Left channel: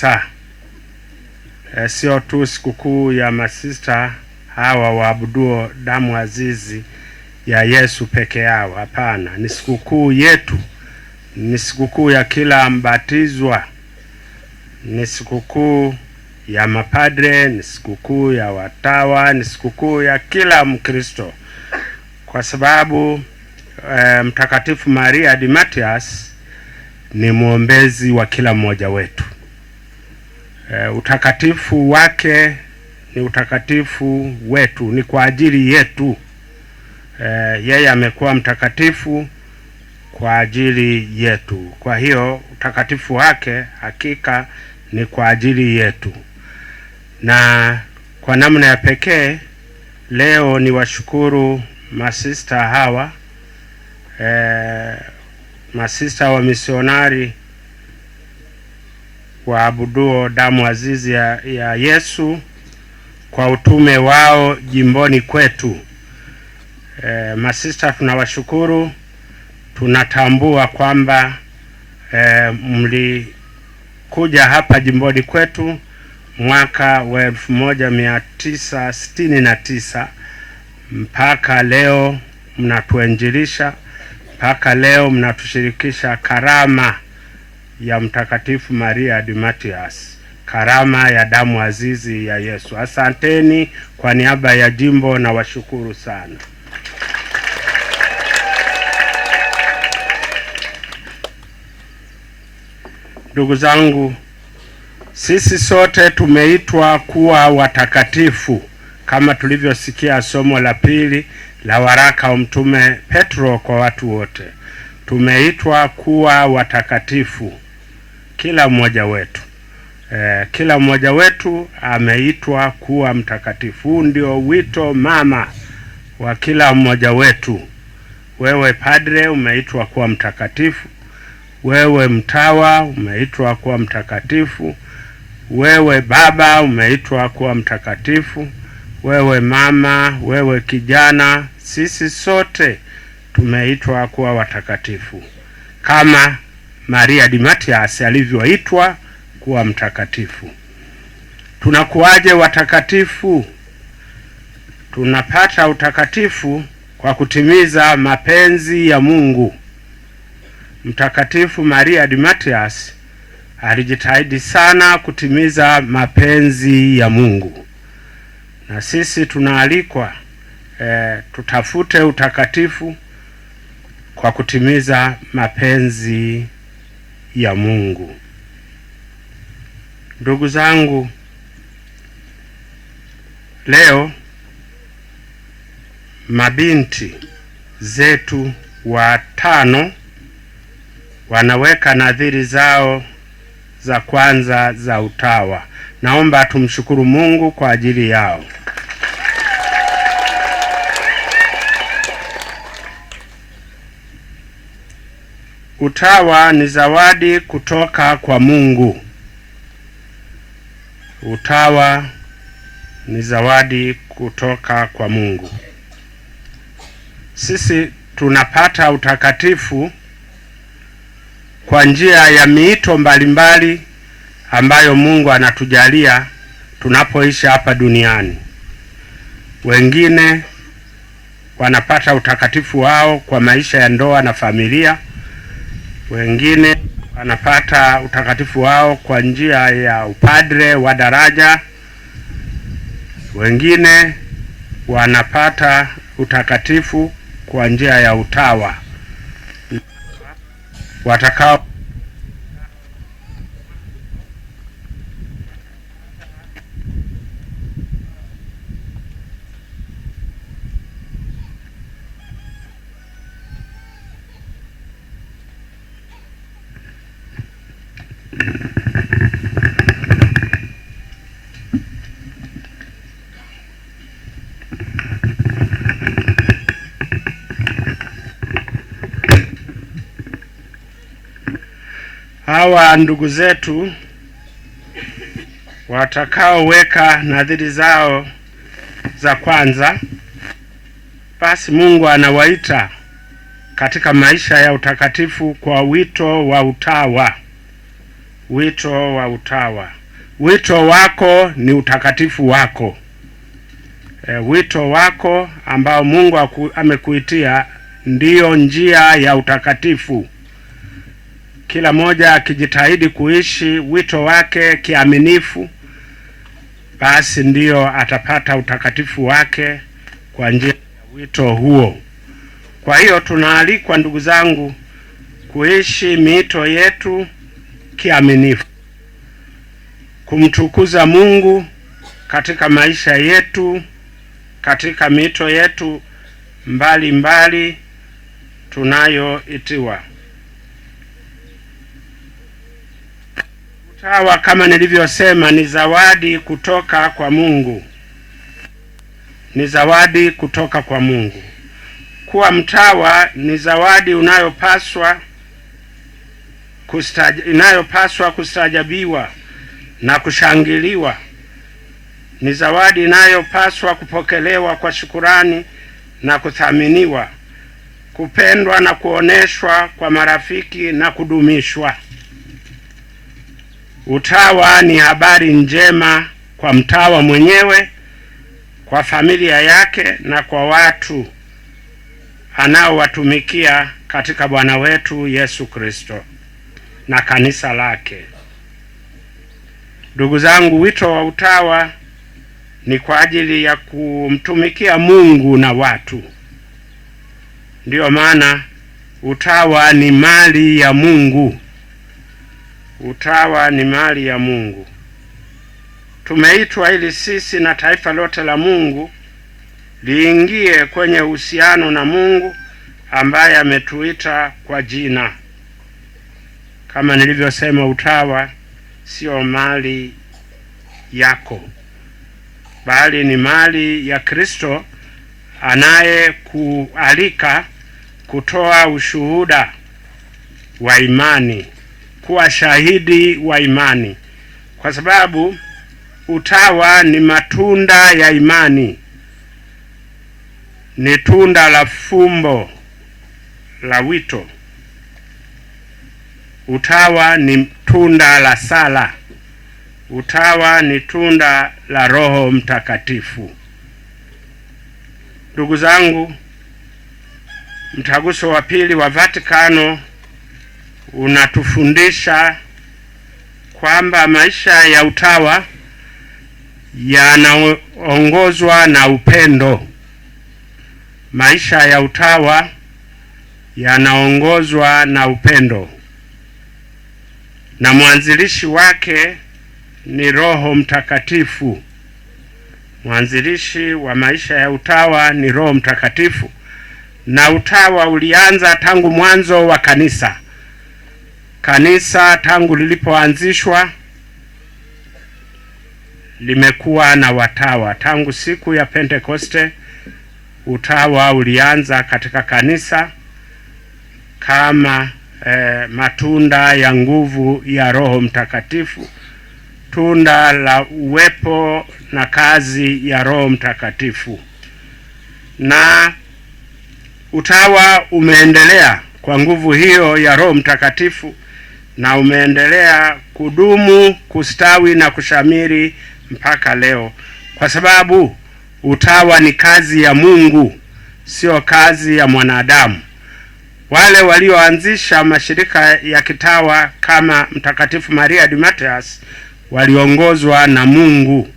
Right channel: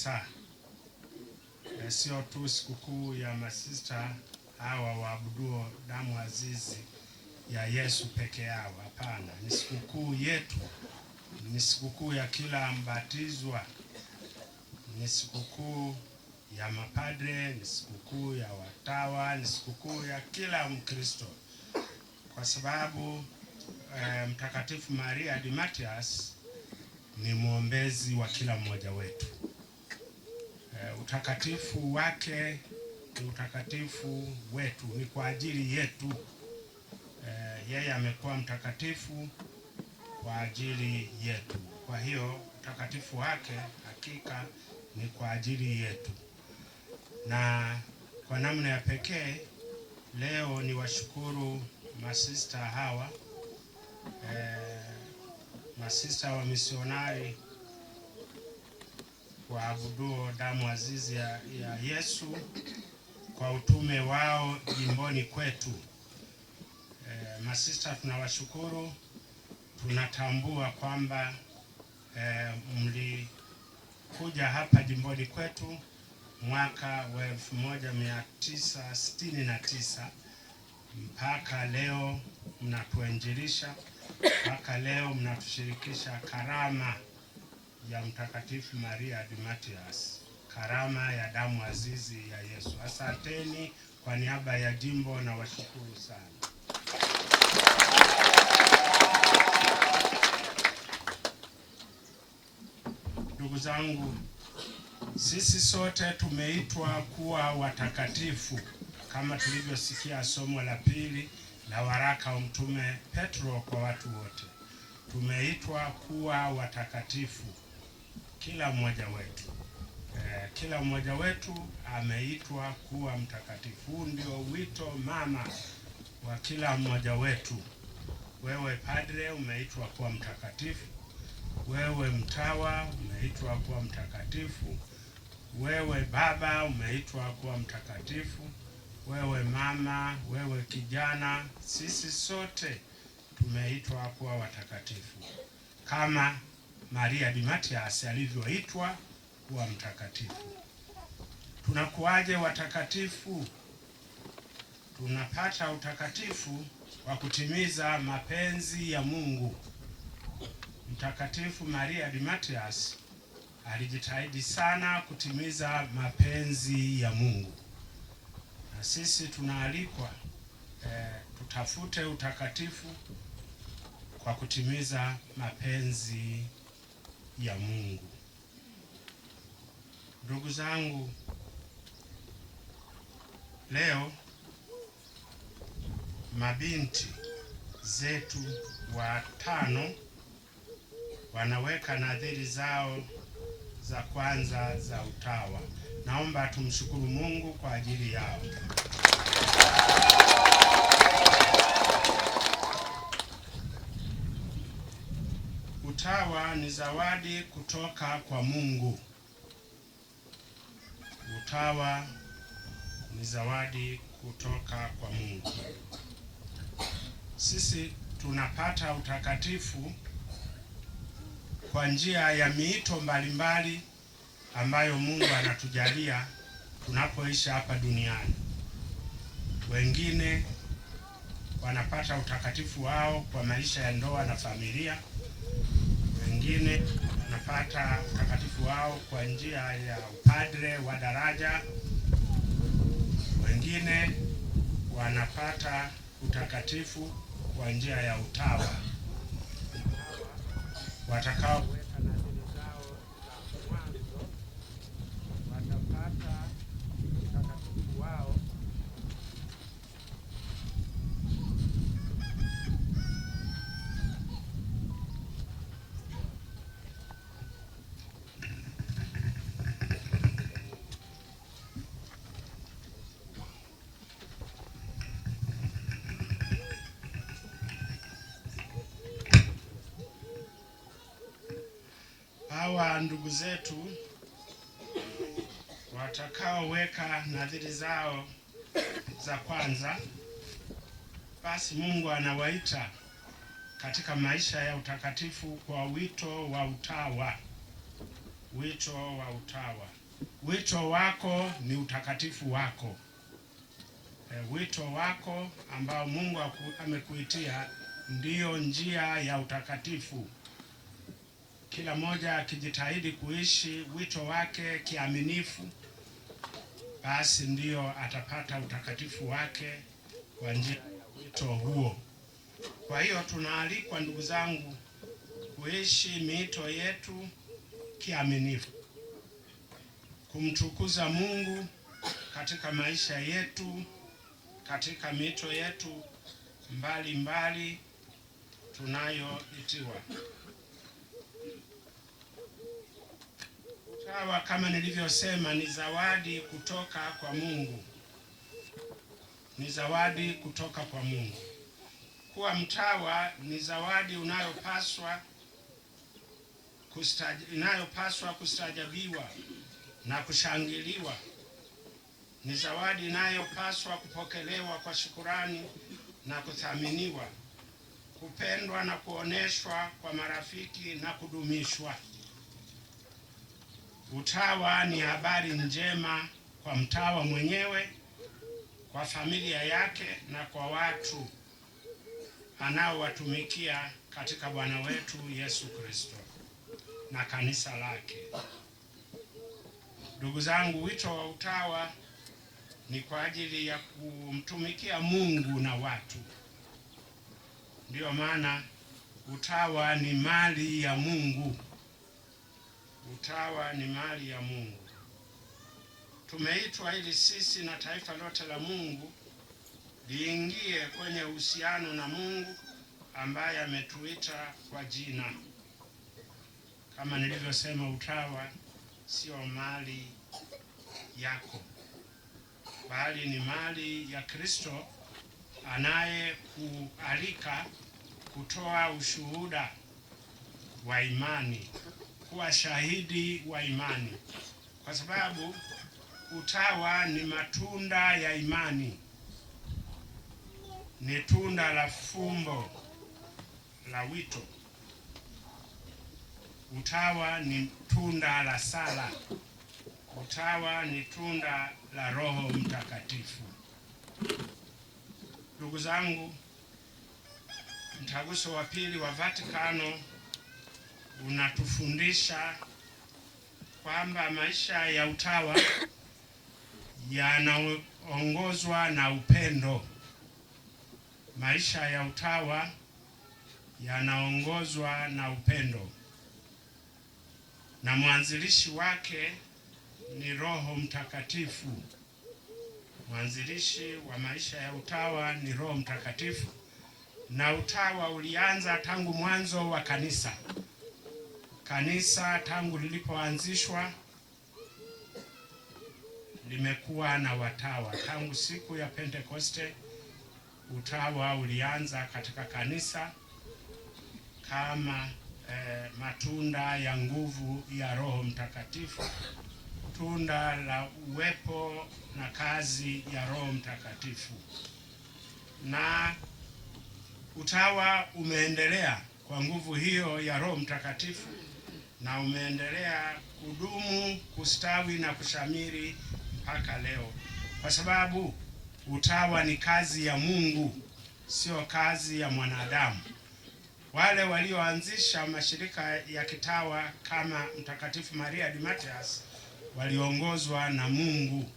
kabisa. Sio tu sikukuu ya masista hawa waabuduo damu azizi ya Yesu peke yao. Hapana, ni sikukuu yetu, ni sikukuu ya kila mbatizwa, ni sikukuu ya mapadre, ni sikukuu ya watawa, ni sikukuu ya kila Mkristo, kwa sababu Mtakatifu Maria di Matias ni mwombezi wa kila mmoja wetu. Utakatifu wake ni utakatifu wetu, ni kwa ajili yetu. Yeye amekuwa mtakatifu kwa ajili yetu. Kwa hiyo utakatifu wake hakika ni kwa ajili yetu. Na kwa namna ya pekee leo ni washukuru masista hawa, masista wa misionari waabuduo damu azizi ya Yesu kwa utume wao jimboni kwetu. Masista tunawashukuru. Tunatambua kwamba mlikuja hapa jimboni kwetu mwaka wa 1969 mpaka leo mnatuinjilisha, mpaka leo mnatushirikisha karama ya Mtakatifu Maria di Matias, karama ya damu azizi ya Yesu. Asanteni kwa niaba ya jimbo na washukuru sana. Ndugu zangu, sisi sote tumeitwa kuwa watakatifu kama tulivyosikia somo la pili la waraka wa Mtume Petro kwa watu wote. Tumeitwa kuwa watakatifu, kila mmoja wetu. Kila mmoja wetu ameitwa kuwa mtakatifu. Huu ndio wito mama wa kila mmoja wetu. Wewe padre umeitwa kuwa mtakatifu. Wewe mtawa umeitwa kuwa mtakatifu. Wewe baba umeitwa kuwa mtakatifu. Wewe mama, wewe kijana, sisi sote tumeitwa kuwa watakatifu kama Maria di Matias alivyoitwa kuwa mtakatifu. Tunakuwaje watakatifu? Tunapata utakatifu kwa kutimiza mapenzi ya Mungu. Mtakatifu Maria di Matias alijitahidi sana kutimiza mapenzi ya Mungu. Na sisi tunaalikwa tutafute utakatifu kwa kutimiza mapenzi ya Mungu. Ndugu zangu, leo mabinti zetu watano wanaweka nadhiri zao za kwanza za utawa. Naomba tumshukuru Mungu kwa ajili yao. Utawa ni zawadi kutoka kwa Mungu. Utawa ni zawadi kutoka kwa Mungu. Sisi tunapata utakatifu kwa njia ya miito mbalimbali ambayo Mungu anatujalia tunapoishi hapa duniani. Wengine wanapata utakatifu wao kwa maisha ya ndoa na familia. Wengine wanapata utakatifu wao kwa njia ya upadre wa daraja. Wengine wanapata utakatifu kwa njia ya utawa. Watakao hawa ndugu zetu watakaoweka nadhiri zao za kwanza, basi Mungu anawaita katika maisha ya utakatifu kwa wito wa utawa. wito wa utawa. Wito wako ni utakatifu wako. Wito wako ambao Mungu amekuitia ndiyo njia ya utakatifu. Kila moja akijitahidi kuishi wito wake kiaminifu, basi ndiyo atapata utakatifu wake kwa njia ya wito huo. Kwa hiyo tunaalikwa, ndugu zangu, kuishi miito yetu kiaminifu, kumtukuza Mungu katika maisha yetu, katika miito yetu mbali tunayoitiwa. Utawa, kama nilivyosema, ni zawadi kutoka kwa Mungu. Ni zawadi kutoka kwa Mungu. Kuwa mtawa ni zawadi inayopaswa kustajabiwa na kushangiliwa. Ni zawadi inayopaswa kupokelewa kwa shukurani na kuthaminiwa, kupendwa na kuoneshwa kwa marafiki na kudumishwa. Utawa ni habari njema kwa mtawa mwenyewe, kwa familia yake na kwa watu anaowatumikia katika Bwana wetu Yesu Kristo na kanisa lake. Ndugu zangu, wito wa utawa ni kwa ajili ya kumtumikia Mungu na watu. Ndiyo maana utawa ni mali ya Mungu. Utawa ni mali ya Mungu. Tumeitwa ili sisi na taifa lote la Mungu liingie kwenye uhusiano na Mungu ambaye ametuita kwa jina. Kama nilivyosema, utawa sio mali yako, bali ni mali ya Kristo anayekualika kutoa ushuhuda wa imani, kuwa shahidi wa imani, kwa sababu utawa ni matunda ya imani. Ni tunda la fumbo la wito. Utawa ni tunda la sala. Utawa ni tunda la Roho Mtakatifu. Ndugu zangu, Mtaguso wa Pili wa Vatikano unatufundisha kwamba maisha ya utawa yanaongozwa na upendo. Maisha ya utawa yanaongozwa na upendo, na mwanzilishi wake ni Roho Mtakatifu. Mwanzilishi wa maisha ya utawa ni Roho Mtakatifu, na utawa ulianza tangu mwanzo wa kanisa. Kanisa tangu lilipoanzishwa limekuwa na watawa. Tangu siku ya Pentekoste, utawa ulianza katika kanisa kama matunda ya nguvu ya Roho Mtakatifu, tunda la uwepo na kazi ya Roho Mtakatifu. Na utawa umeendelea kwa nguvu hiyo ya Roho Mtakatifu, na umeendelea kudumu, kustawi na kushamiri mpaka leo, kwa sababu utawa ni kazi ya Mungu, sio kazi ya mwanadamu. Wale walioanzisha mashirika ya kitawa kama Mtakatifu Maria de Mateus waliongozwa na Mungu.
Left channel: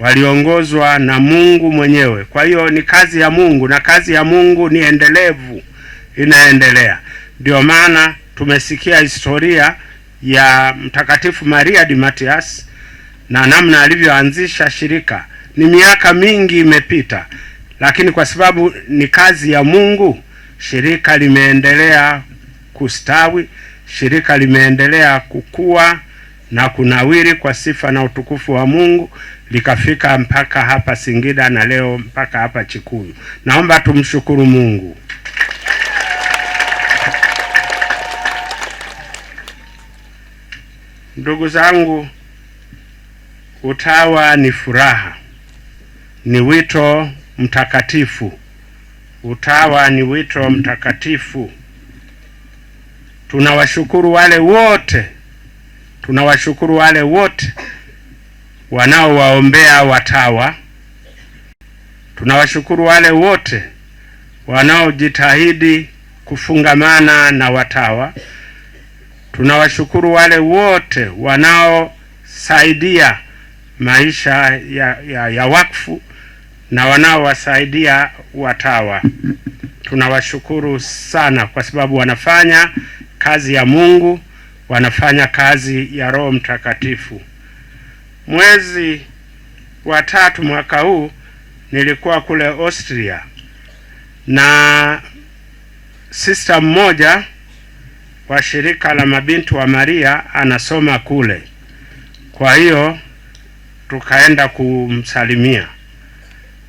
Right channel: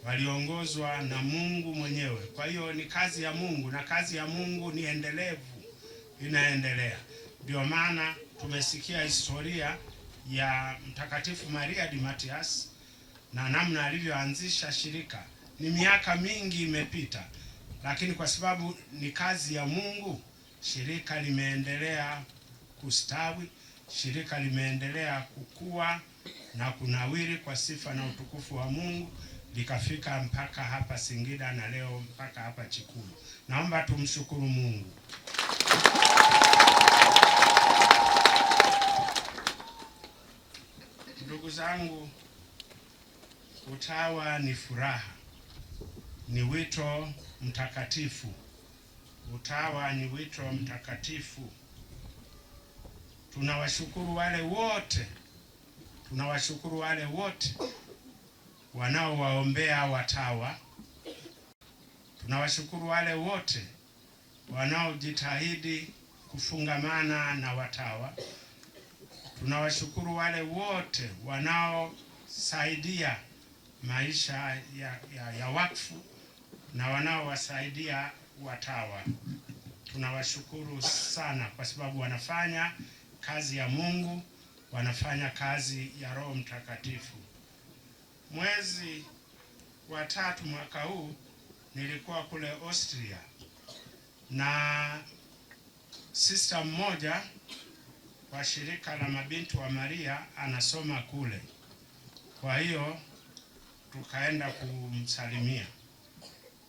Waliongozwa na Mungu mwenyewe. Kwa hiyo ni kazi ya Mungu, na kazi ya Mungu ni endelevu, inaendelea. Ndio maana tumesikia historia ya Mtakatifu Maria de Mateus na namna alivyoanzisha shirika. Ni miaka mingi imepita, lakini kwa sababu ni kazi ya Mungu, shirika limeendelea kustawi, shirika limeendelea kukua na kunawiri kwa sifa na utukufu wa Mungu, likafika mpaka hapa Singida na leo mpaka hapa Chikuyu. Naomba tumshukuru Mungu. Ndugu zangu, utawa ni furaha, ni wito mtakatifu. Utawa ni wito mtakatifu. Tunawashukuru wale wote tunawashukuru wale wote wanaowaombea watawa. Tunawashukuru wale wote wanaojitahidi kufungamana na watawa. Tunawashukuru wale wote wanaosaidia maisha ya wakfu na wanaowasaidia watawa. Tunawashukuru sana kwa sababu wanafanya kazi ya Mungu, wanafanya kazi ya Roho Mtakatifu. Mwezi wa 3 mwaka huu nilikuwa kule Austria na sister mmoja wa shirika la mabinti wa Maria anasoma kule. Kwa hiyo tukaenda kumsalimia,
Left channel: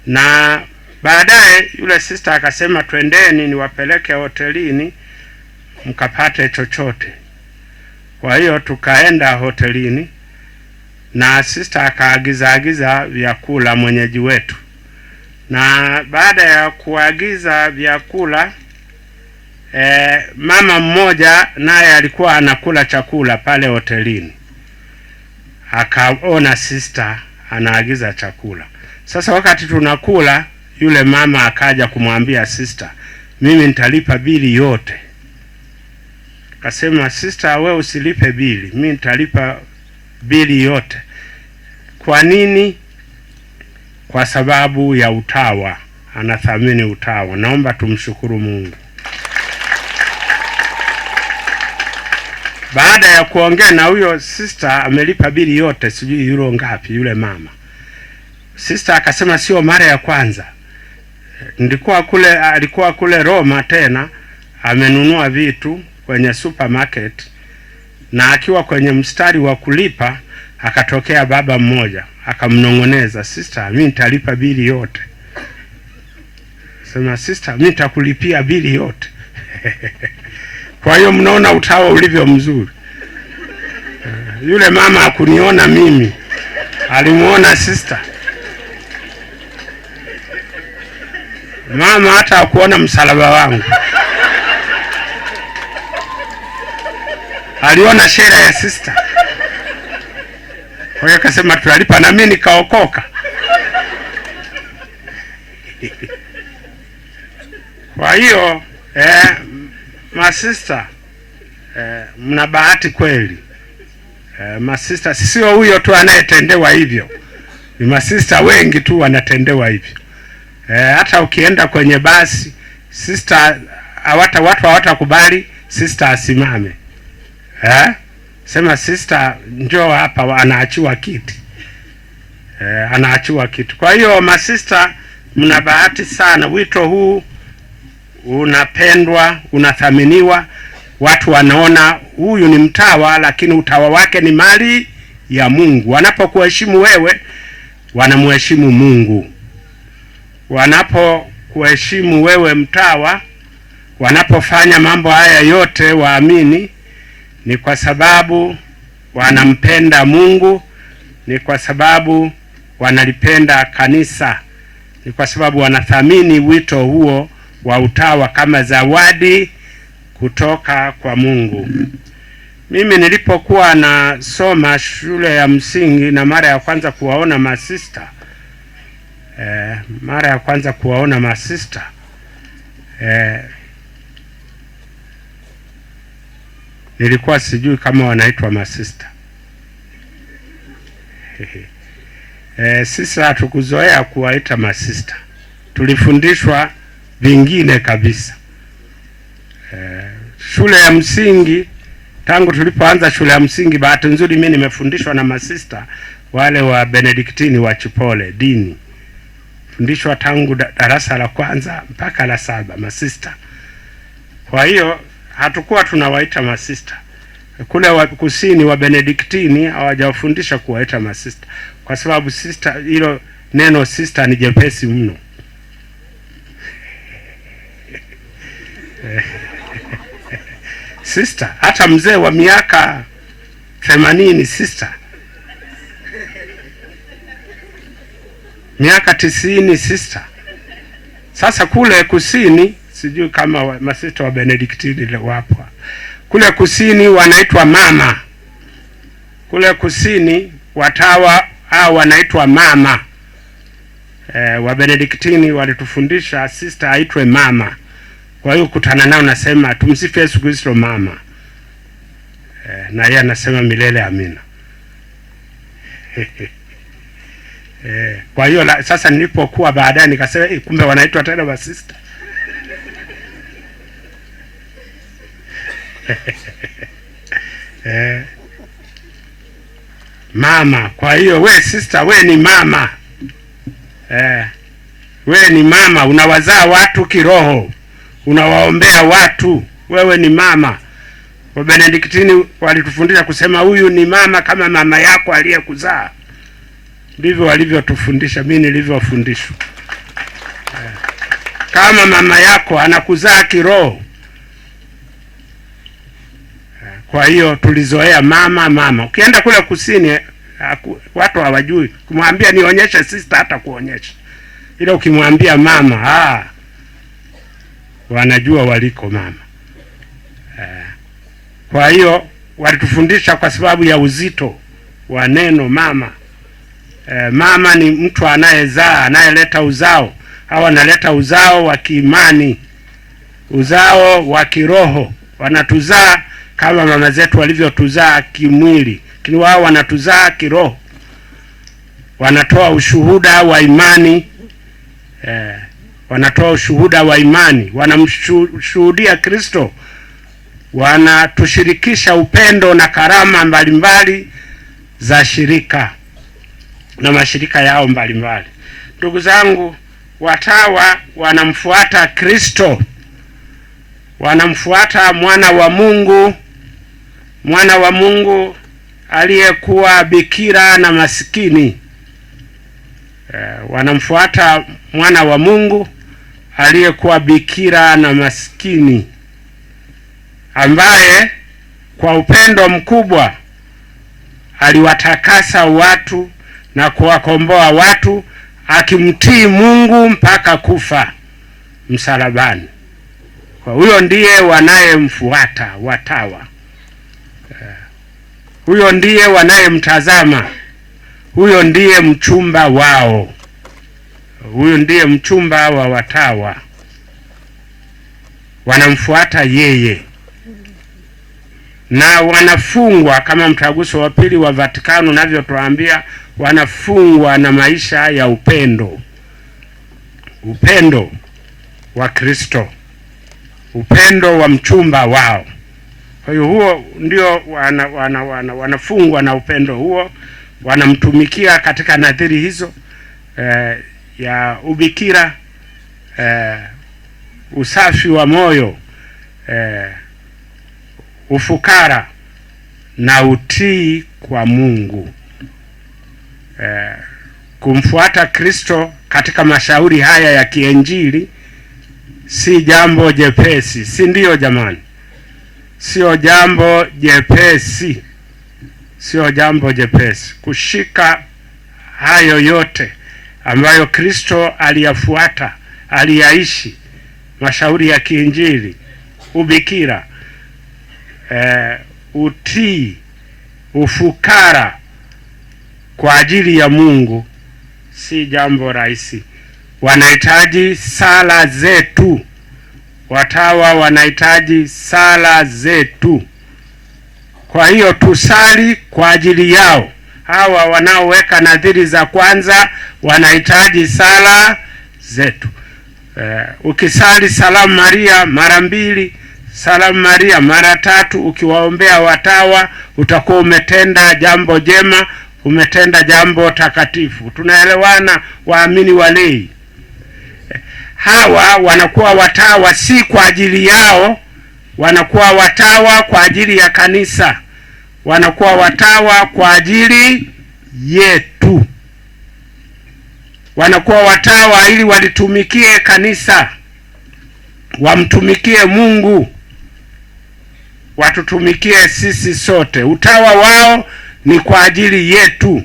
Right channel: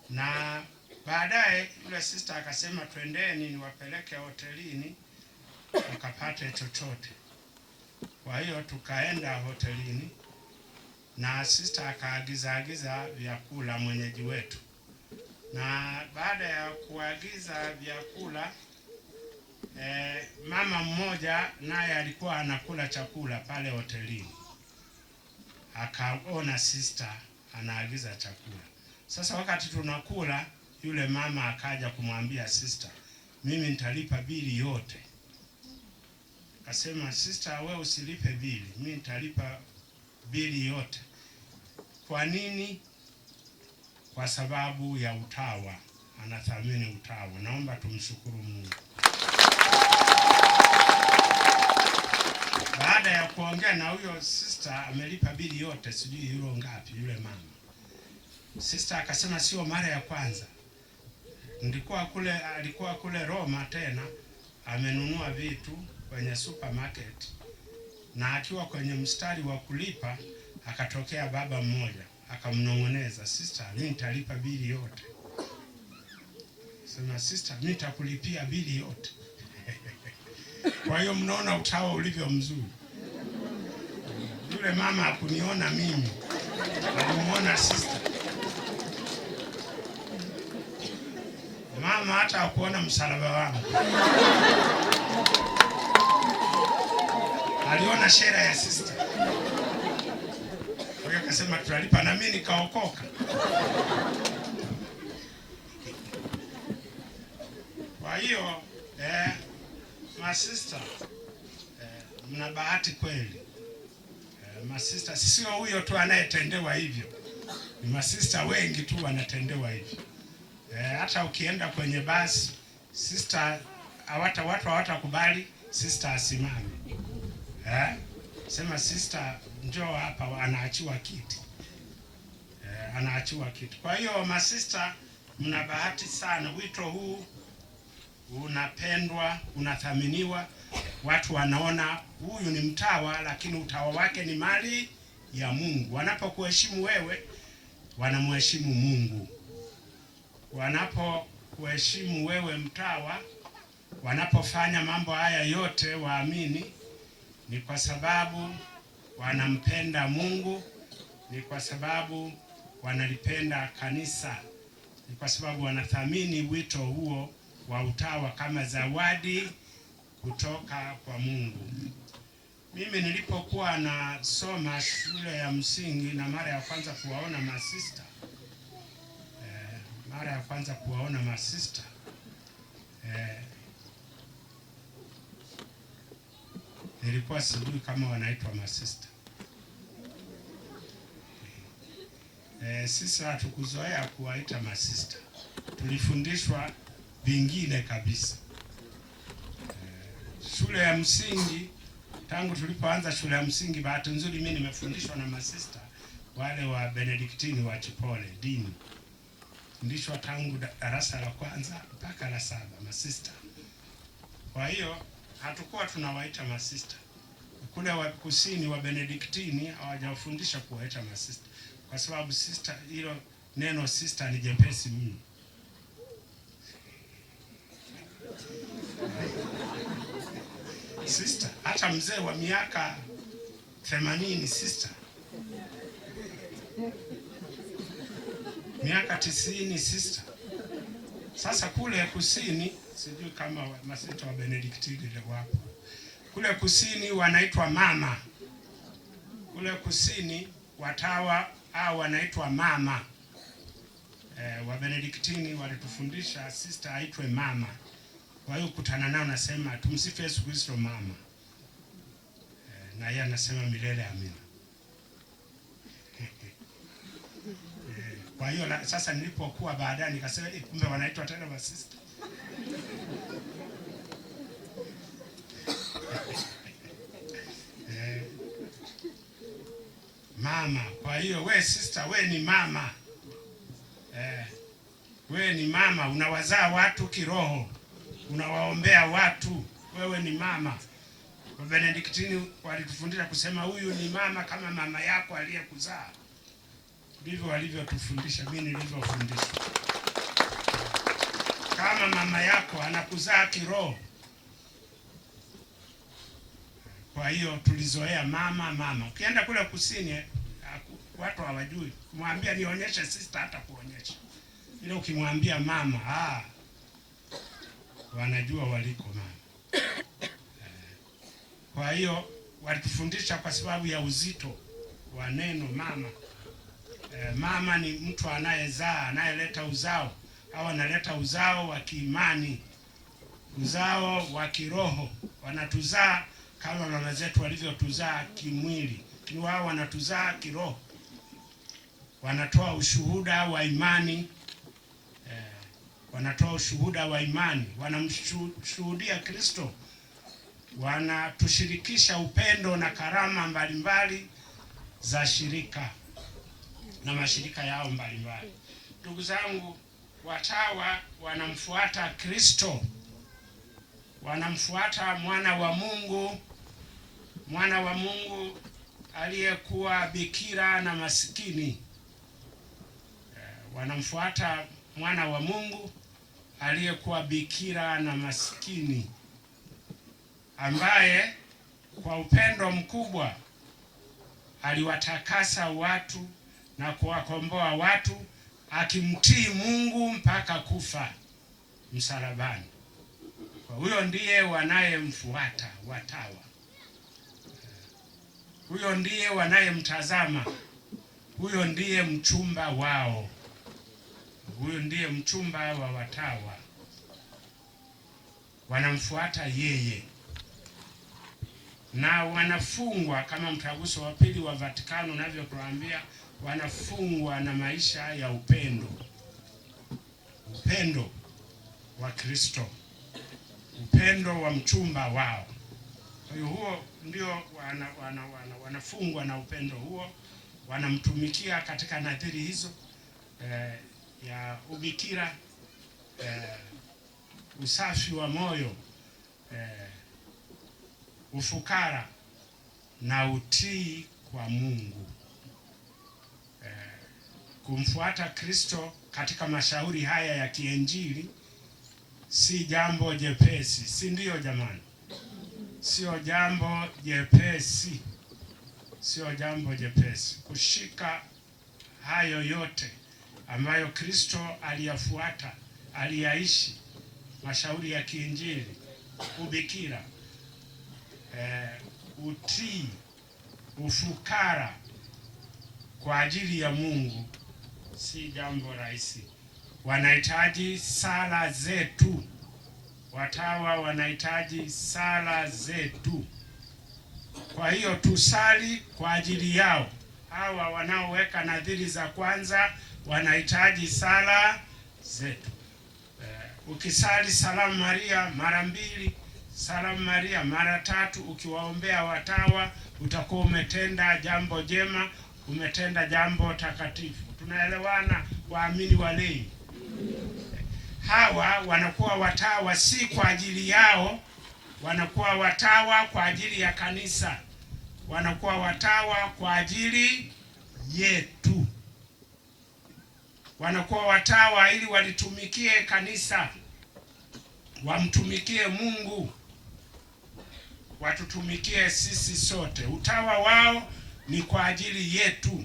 na baadaye yule sister akasema twendeni niwapeleke hotelini mkapate chochote. Kwa hiyo tukaenda hotelini na sister akaagiza vyakula mwenyeji wetu, na baada ya kuagiza vyakula mama mmoja naye alikuwa anakula chakula pale hotelini, akaona sister anaagiza chakula. Sasa wakati tunakula, yule mama akaja kumwambia sister, mimi nitalipa bili yote. Akasema, sister, wewe usilipe bili, mimi nitalipa bili yote. Kwa nini? Kwa sababu ya utawa, anathamini utawa. Naomba tumshukuru Mungu. Baada ya kuongea na huyo sister, amelipa bili yote, sijui euro ngapi yule mama. Sister akasema sio mara ya kwanza. Alikuwa kule Roma tena, amenunua vitu kwenye supermarket, na akiwa kwenye mstari wa kulipa akatokea baba mmoja akamnongoneza, sister, mimi nitalipa bili yote. Sema, sister, mimi nitakulipia bili yote. Kwa hiyo mnaona utawa ulivyo mzuri. Yule mama hakuniona mimi, alimuona sister. Mama hata hakuona msalaba wangu, aliona shera ya sister. Kwa hiyo akasema tutalipa, na mimi nikaokoka. Kwa hiyo masista, mna bahati kweli. Masista sio huyo tu anayetendewa hivyo, ni masista wengi tu wanatendewa hivyo. Hata ukienda kwenye basi, sister watu hawatakubali sister asimame. Sema, sister njoo hapa, anaachiwa kiti. Anaachiwa kiti. Kwa hiyo masista, mna bahati sana. Wito huu unapendwa, unathaminiwa. Watu wanaona huyu ni mtawa, lakini utawa wake ni mali ya Mungu. Wanapokuheshimu wewe, wanamheshimu Mungu. Wanapokuheshimu wewe mtawa, wanapofanya mambo haya yote, waamini, ni kwa sababu wanampenda Mungu, ni kwa sababu wanalipenda kanisa, ni kwa sababu wanathamini wito huo wa utawa kama zawadi kutoka kwa Mungu. Mimi nilipokuwa nasoma shule ya msingi na mara ya kwanza kuwaona masista, nilikuwa sijui kama wanaitwa masista. Sisi hatukuzoea kuwaita masista, tulifundishwa vingine kabisa. Shule ya msingi, tangu tulipoanza shule ya msingi, bahati nzuri mimi nimefundishwa na masista wale wa Benediktini wa Chipole dini. Fundishwa tangu darasa la kwanza mpaka la 7 masista. Kwa hiyo hatukuwa tunawaita masista. Kule wa kusini wa Benediktini hawajawafundisha kuwaita masista, kwa sababu sister, hilo neno sister ni jepesi mno. Sister, hata mzee wa miaka 80 sister, miaka 90 sister. Sasa kule kusini, sijui kama masista wa Benediktini wapo. Kule kusini wanaitwa mama. Kule kusini watawa hao wanaitwa mama. Wa Benediktini walitufundisha sister aitwe mama. Kwa hiyo kutana nao nasema tumsifu Yesu Kristo mama. Na yeye anasema milele amina. Kwa hiyo sasa nilipokuwa baadaye nikasema kumbe wanaitwa tena ba sister. Mama. Kwa hiyo we sister, we ni mama. We ni mama, unawazaa watu kiroho, unawaombea watu, wewe ni mama. Wa Benediktini walitufundisha kusema huyu ni mama kama mama yako aliyekuzaa. Ndivyo walivyotufundisha, mimi nilivyofundishwa. Kama mama yako anakuzaa kiroho. Kwa hiyo tulizoea mama. Ukienda kule kusini watu hawajui. Kumwambia nionyeshe sister hata kuonyesha. Ila ukimwambia mama, wanajua waliko mama. Kwa hiyo walitufundisha kwa sababu ya uzito wa neno mama. Mama ni mtu anayezaa, anayeleta uzao. Hawa analeta uzao wa kiimani, uzao wa kiroho. Wanatuzaa kama mama zetu walivyotuzaa kimwili, lakini wao wanatuzaa kiroho. Wanatoa ushuhuda wa imani. Wanatoa ushuhuda wa imani, wanamshuhudia Kristo, wanatushirikisha upendo na karama mbalimbali za shirika na mashirika yao mbalimbali. Ndugu zangu, watawa wanamfuata Kristo, wanamfuata mwana wa Mungu aliyekuwa bikira na masikini. Wanamfuata mwana wa Mungu aliyekuwa bikira na masikini, ambaye kwa upendo mkubwa aliwatakasa watu na kuwakomboa watu, akimtii Mungu mpaka kufa msalabani. Kwa huyo ndiye wanayemfuata watawa. Huyo ndiye wanayemtazama. Huyo ndiye mchumba wao. Huyo ndiye mchumba wa watawa. Wanamfuata yeye. Na wanafungwa kama mtaguso wa pili wa Vatikano unavyotuambia, wanafungwa na maisha ya upendo. Upendo wa Kristo. Upendo wa mchumba wao. Kwa hiyo huo ndio wanafungwa na upendo huo. Wanamtumikia katika nadhiri hizo ya ubikira, usafi wa moyo, ufukara na utii kwa Mungu. Kumfuata Kristo katika mashauri haya ya kiinjili si jambo jepesi, si ndio jamani? Sio jambo jepesi. Sio jambo jepesi kushika hayo yote ambayo Kristo aliyafuata, aliyaishi: mashauri ya kiinjili, ubikira, utii, ufukara kwa ajili ya Mungu. Si jambo rahisi. Wanahitaji sala zetu. Watawa wanahitaji sala zetu. Kwa hiyo tusali kwa ajili yao. Hawa wanaoweka nadhiri za kwanza wanahitaji sala zetu. Ukisali salamu Maria mara 2, salamu Maria mara 3, ukiwaombea watawa, utakuwa umetenda jambo jema, umetenda jambo takatifu. Tunaelewana waamini walei? Hawa wanakuwa watawa si kwa ajili yao, wanakuwa watawa kwa ajili ya kanisa. Wanakuwa watawa kwa ajili yetu. Wanakuwa watawa ili walitumikie kanisa, wamtumikie Mungu, watutumikie sisi sote. Utawa wao ni kwa ajili yetu.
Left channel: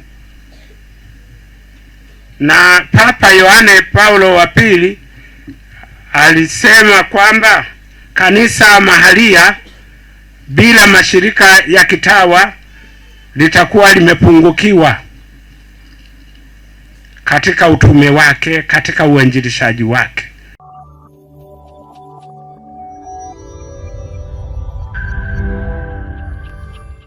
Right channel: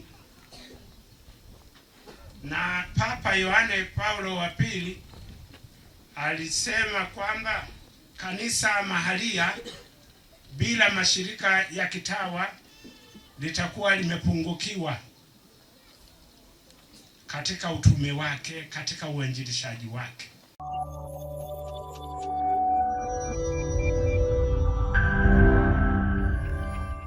Na Papa Yohane Paulo wa pili alisema kwamba kanisa mahalia bila mashirika ya kitawa litakuwa limepungukiwa katika utume wake, katika uinjilishaji wake.